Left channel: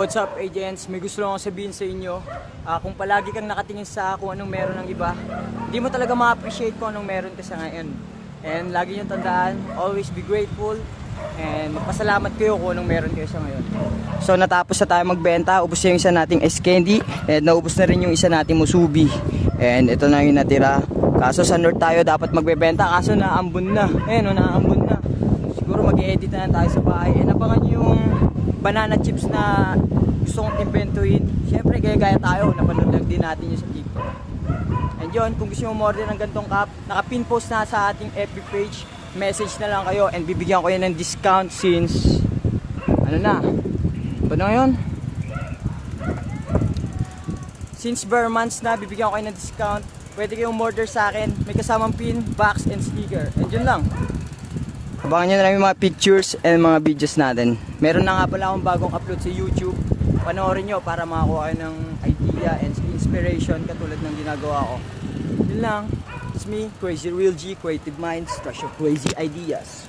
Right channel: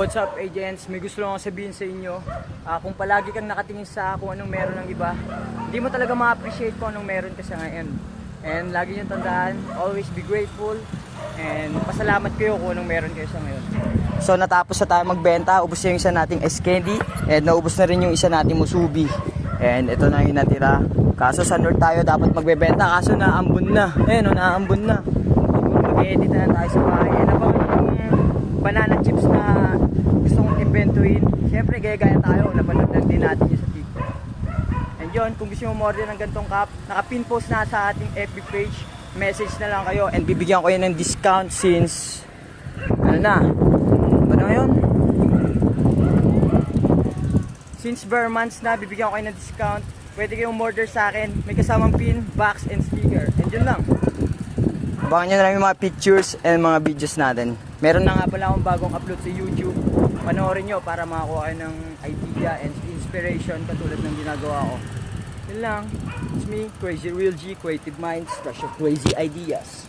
What's up agents? May gusto lang akong sabihin sa inyo. Kung palagi kang nakatingin sa kung anong meron ng iba, hindi mo talaga ma-appreciate kung anong meron ka sa ngayon. And lagi nyo tandaan, always be grateful and magpasalamat kayo kung anong meron kayo sa ngayon. So natapos na tayo magbenta, ubos na yung isa nating ice candy and naubos na rin yung isa nating musubi. And ito na yung natira. Kaso sa North tayo dapat magbebenta, kaso naambun na. Ayan o, naambun na. Siguro mag-edit na lang tayo sa bahay. And abangan yung banana chips na gusto kong inventuin. Siyempre gaya-gaya tayo, napanood lang din natin yun sa TikTok. And yun, kung gusto nyo order ng gantong cup, naka-pin post na sa ating FB page, message na lang kayo and bibigyan ko yun ng discount since ano na ba na yun? Since bare months na, bibigyan ko kayo ng discount. Pwede kayong order sa akin, may kasamang pin, box, and sticker. And yun lang. Abangan nyo na lang yung mga pictures and mga videos natin. Meron na nga pala akong bagong upload sa YouTube. Panoorin nyo para makakuha kayo ng idea and inspiration katulad ng ginagawa ko. Yun lang. It's me, Crazy Real G, Creative Minds, Rush of Crazy Ideas.